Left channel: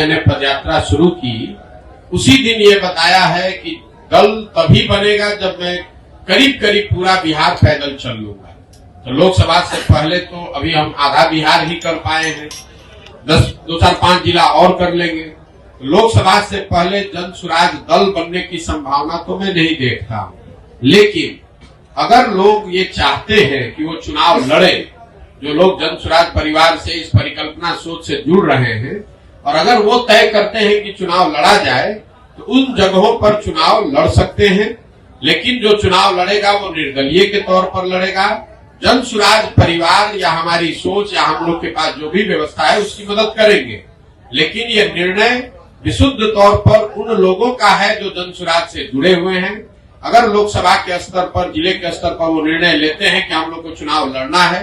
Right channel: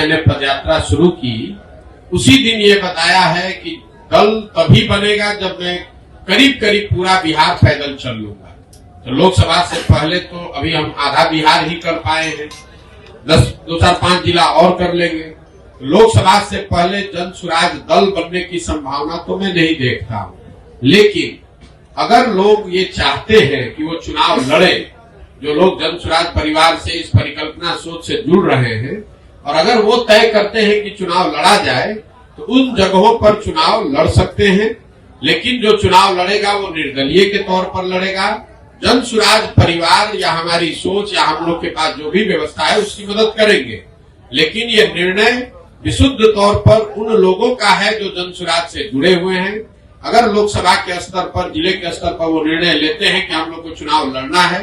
मैंने पदयात्रा शुरू की उसी दिन ये बताया है कि दल तभी बनेगा जब मैं करीब करीब पूरा बिहार पैदल चल लूंगा। तो लोकसभा से पहले तो अभी हम आधा बिहार ही कर पाए हैं, 2-4-5 जिला और कर लेंगे। लोकसभा से पहले जन सुराज दल बनने की संभावना तो मैं नहीं देखता हूं, लेकिन अगर लोग ये चाहते हैं कि वो चुनाव लड़े, जो लोग जन सुराज परिवार से इस परिकल्पना सोच से जुड़ रहे हैं, और अगर वो तय करते हैं कि चुनाव लड़ा जाए तो उन जगहों पर चुनाव लड़ सकते हैं। लेकिन जो चुनाव लड़ेगा वो निर्दलीय के तौर पर लड़ेगा। जन सुराज परिवार या हमारी सोच या हम लोग के पास जो भी व्यवस्था है उसकी मदद करेंगे, लेकिन ये निर्णय विशुद्ध तौर पर उन लोगों का है जो जन सुराज से जुड़े हुए हैं। अगर लोकसभा के स्तर पर, जिले के स्तर पर वो निर्णय लेते हैं कि हम लोग को चुनाव लड़ना है,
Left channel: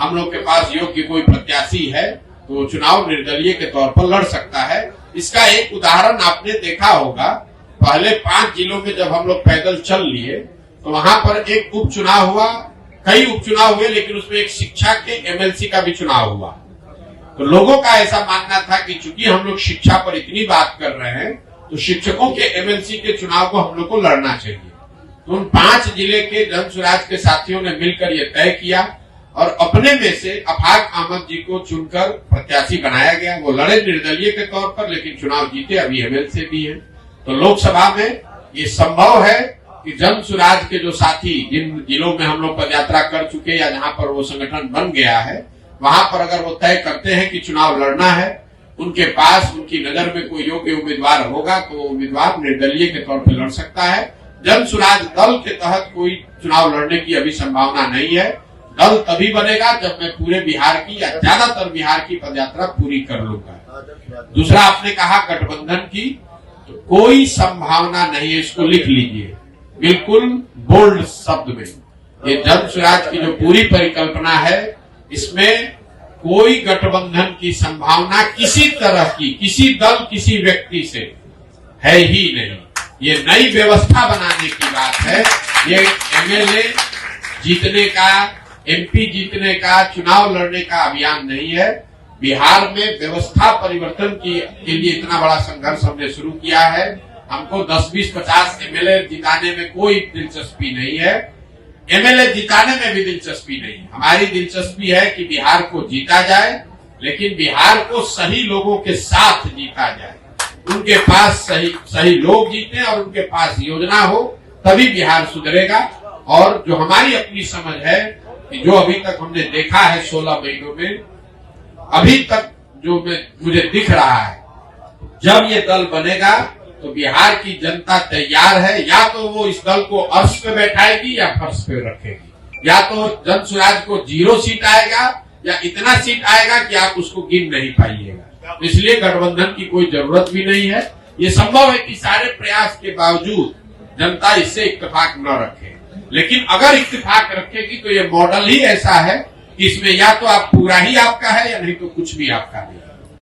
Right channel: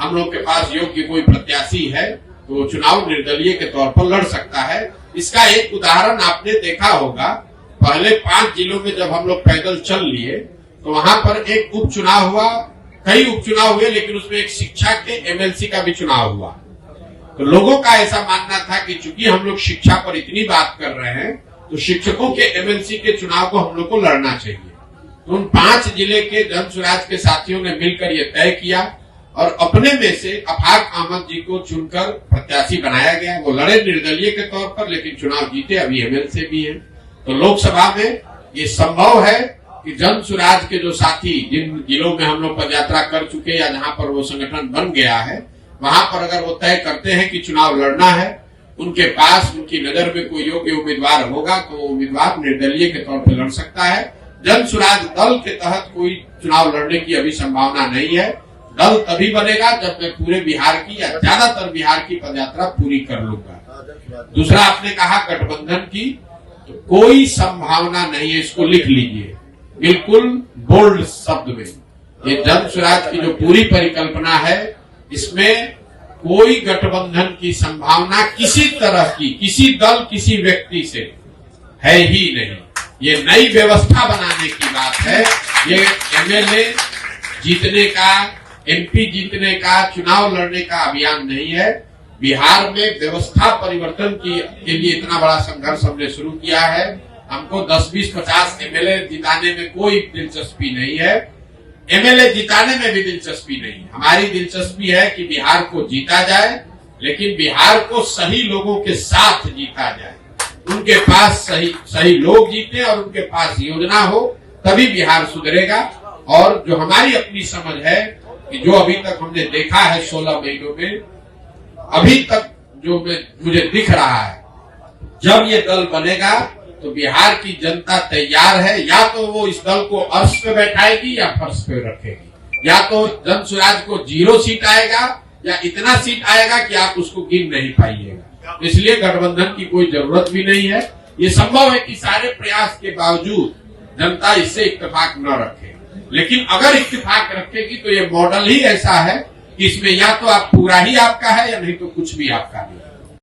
हम लोग के पास योग्य कोई प्रत्याशी है, तो वो चुनाव निर्दलीय के तौर पर लड़ सकता है। इसका एक उदाहरण आपने देखा होगा, पहले 5 जिलों में जब हम लोग पैदल चल लिए तो वहां पर एक उपचुनाव हुआ, कई उपचुनाव हुए, लेकिन उसमें एक शिक्षा के एमएलसी का भी चुनाव हुआ। तो लोगों का ऐसा मानना था कि चूंकि हम लोग शिक्षा पर इतनी बात कर रहे हैं तो शिक्षकों के एमएलसी के चुनाव को हम लोग को लड़ना चाहिए। तो उन 5 जिले के जन सुराज के साथियों ने मिलकर ये तय किया और अपने में से अफाक अहमद जी को चुनकर प्रत्याशी बनाया गया। वो लड़े निर्दलीय के तौर पर, लेकिन चुनाव जीते, अभी एमएलसी भी है। तो लोकसभा में ये संभव है कि जन सुराज के जो साथी जिन जिलों में हम लोग पदयात्रा कर चुके या जहां पर वो संगठन बन गया है, वहां पर अगर वो तय करते हैं कि चुनाव लड़ना है, उनके पास उनकी नजर में कोई योग्य उम्मीदवार होगा तो उम्मीदवार निर्दलीय के तौर पर लड़ सकता है। जन सुराज दल के तहत कोई चुनाव लड़ने की अभी संभावना नहीं है। दल तभी बनेगा जब मैं पूरे बिहार की या ज्यादातर बिहार की पदयात्रा पूरी कर लूंगा। दूसरा आपने कहा गठबंधन की, तो कोई संभावना नहीं है, इसको लिख लीजिए बिल्कुल बोल्ड शब्द में। ये जन सुराज की जो पूरी परिकल्पना है, इसमें कोई गठबंधन की संभावना किसी तरह की, किसी दल किसी व्यक्ति से है ही नहीं। ये नई व्यवस्था बनाने की बात है। ये एमएलए जीतने का, एमपी जीतने का, चुनाव लड़ने का अभियान नहीं है। बिहार में व्यवस्था परिवर्तन के लिए इतना बड़ा संघर्ष हमने शुरू किया है। हमको 10, 20, 50 एमएलए जिताने में कोई दिलचस्पी नहीं है, एमएलए जिताने में भी दिलचस्पी नहीं है। हमारी दिलचस्पी है कि बिहार को जीता जाए, लेकिन बिहार को सही लोगों के साथ जीता जाए। उनके पास सही लोग जीते और उनके पास योजना हो, तभी बिहार सुधरेगा। और जो हमारी अपनी समझ है कि जो अभी तक हमने देखा है 16 महीनों में, अभी तक जो मुझे दिख रहा है, जब ये दल बनेगा तो बिहार की जनता तैयार है। या तो वो इस दल को अर्श पे बैठाएगी या फर्श पे रखेगी, या तो जन सुराज को 0 सीट आएगा या इतना सीट आएगा कि आप उसको गिन नहीं पाइएगा। इसलिए गठबंधन की कोई जरूरत भी नहीं है। ये संभव है कि सारे प्रयास के बावजूद जनता इससे इत्तेफाक न रखे, लेकिन अगर इत्तेफाक रखेगी तो ये मॉडल ही ऐसा है कि इसमें या तो आप पूरा ही आपका है या नहीं तो कुछ भी आपका नहीं।